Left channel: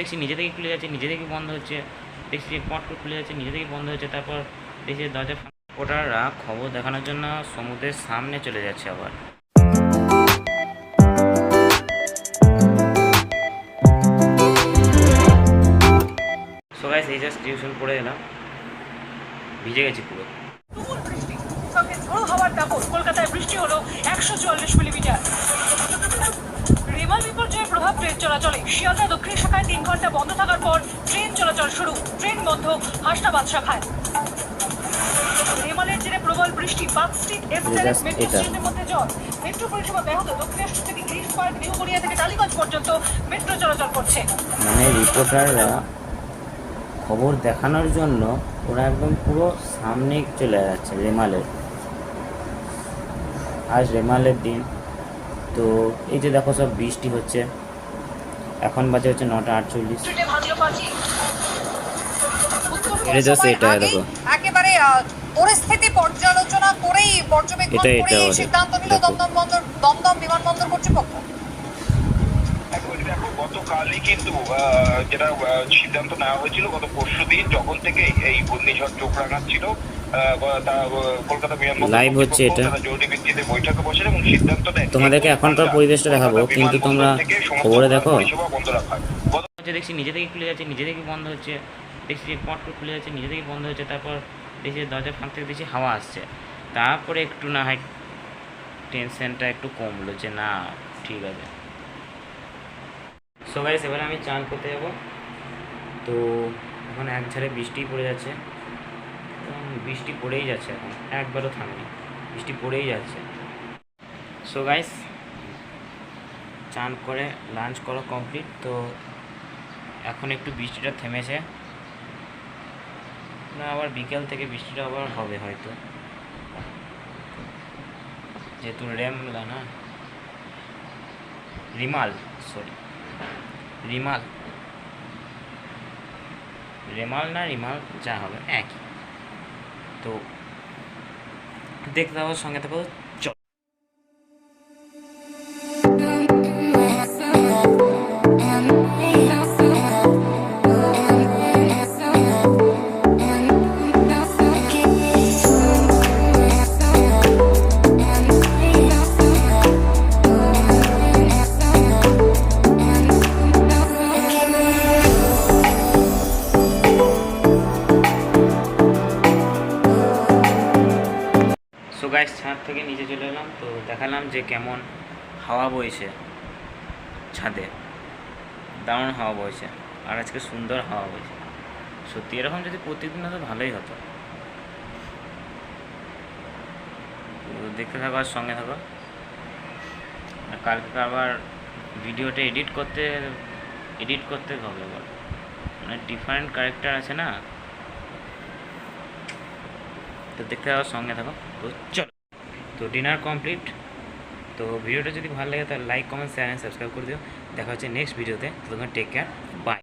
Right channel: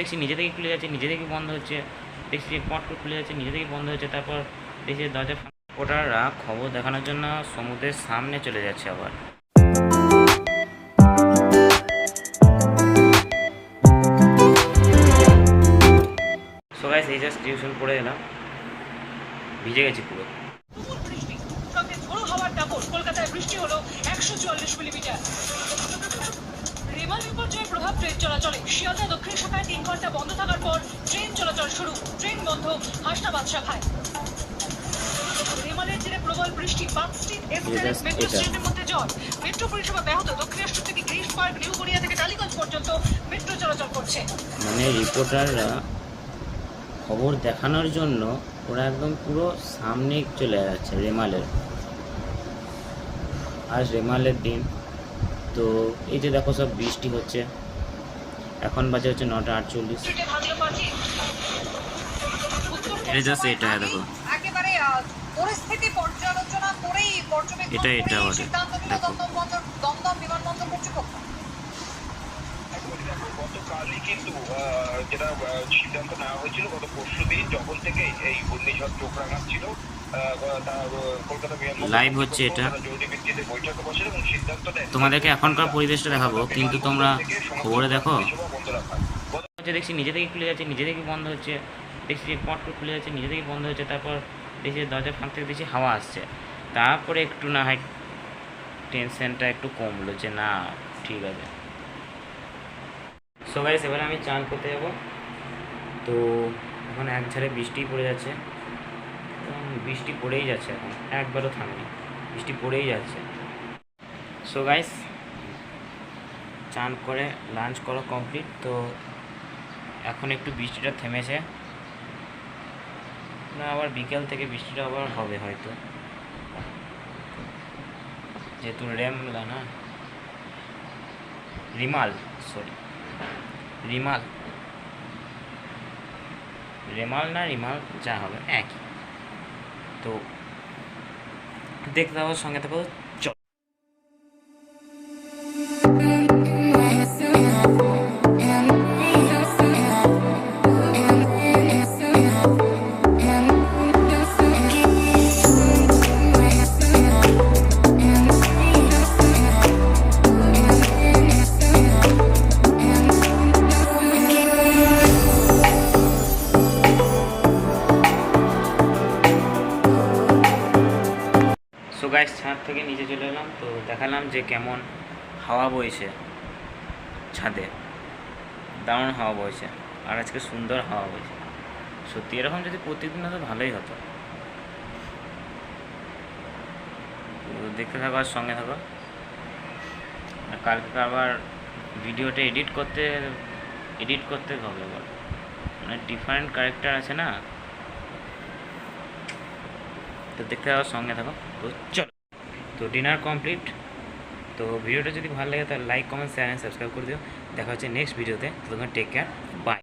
দেখছি নিজে থেকে খুলে যাচ্ছে, নিজে থেকে বন্ধ হচ্ছে, দেখছি পট করে খুলে যাচ্ছে, নিজে থেকে বন্ধ হচ্ছে, তারপর দেখছি দরজা। ওটারা খবর দেখানোর জন্য সমুদ্রের সামনে চলে যাচ্ছে আবার। সো গাইস, এই জাস্ট টিউশন পড়ে এলাম, ভিজে গেছি পুরো। কলকাতায় বৃষ্টি হলো 144 মিলিমিটার। রেমাল বিপর্যয়ের প্রভাব ট্রেন চলাচলে। শিয়ালদা দক্ষিণ শাখায় 3 ঘন্টা বন্ধ থাকার পর ট্রেন চলাচল শুরু। ট্রেন বন্ধ হাসনা বাদশাখায়। রেমালের জেরে প্রবল বৃষ্টি। পার্ক স্ট্রিট এসএলএস মেট্রো স্টেশনের মধ্যে জল। মেট্রো পরিষেবা ব্যাহত। দক্ষিণেশ্বর থেকে গ্রিস পার্ক, নিউ গড়িয়া থেকে টালিগঞ্জ পর্যন্ত মেট্রো চলাচল করছে। মানে রিপোর্টাররা খবর দেখানোর জন্য ওরা একদম পুরো সামনে চলে যাচ্ছে রেমালের। আজ রেমালের দিন, তো এই যে দেখো সব বৃষ্টি হচ্ছে। এখন বাজে হচ্ছে 9:48। এটা জাস্ট এটা দেখো, একেবারে পরিস্থিতি পর্যালোচনা করেই পর্যবেক্ষণ করেই সিদ্ধান্ত নিল দমদম বিমানবন্দর কর্তৃপক্ষ। গতকালই কিন্তু যেটা সিদ্ধান্ত নেওয়া হয়েছিল গত পরশুদিন, যখন থেকে এই ঘূর্ণিঝড় চোখরাঙাচ্ ছিল, কলকাতা বিমানবন্দর লাইভ হচ্ছে এটা। জরুরি ভিত্তিতে বৈঠকে বসে এবং সিদ্ধান্ত নেয় তোমাদেরকে এখনকার পরিবেশটা দেখাবো, কিন্তু তোমরা খবরে দেখো বন্ধ রাখা। দেখছি নিজে থেকে খুলে যাচ্ছে, নিজে থেকে বন্ধ হচ্ছে, দেখছি পট করে খুলে যাচ্ছে, নিজে থেকে বন্ধ হচ্ছে, তারপর দেখছি দরজার ফাঁক থেকে দেখছি হাওয়া আসছে। তারপরে একটু না হয় টেনশনটা একটু কমলো যে না ঠিক আছে। সো গাইস, এবারে আমি চান করতে যাব। তো এখন এক ঝাড়ে বৃষ্টি পড়ে যাচ্ছে, বৃষ্টি পড়েই যাচ্ছে, এখন একবারও থামেনি, বৃষ্টি পড়েই যাচ্ছে। সো গাইস, চান করে লাঞ্চ করা কমপ্লিট। তো এখন একটু বৃষ্টিটা থেমেছে, না আবার বিকেল থেকে বৃষ্টিটা আবার হবে হয়তো, যেহেতু রেমলা না রিমাল, সরি রিমাল, রেমাল না রিমাল যা হবে একই। তো দেখতে হওয়ার সঙ্গে থাকো। সো গাইস, ছাদ থেকে নিচে চলে এলাম, তো দেখালাম যে কেমন হাওয়া বইছে ছাদে, দারুণ হাওয়া বইছে, আর আজকে সুন্দর হাওয়া বইছে। সত্যি এরকম যদি প্রতিদিন হতো ভালোই হতো। তো দেখতে থাকো আর সঙ্গে থাকো। আর কালকে আবার ভিডিওটা এডিট করতে হবে আবার, মানে ডিফারেন্ট ক্যারেক্টার আছে না, তো দেখতে থাকো সঙ্গে থাকো। তো চলো, তো ডিনার কমপ্লিট। তো ভিডিওটা যদি ভালো লাগে তাহলে like, comment, share and subscribe করে দিও। দেখা হচ্ছে নেক্সট ভিডিওতে। ততক্ষণ টেক কেয়ার, বাই।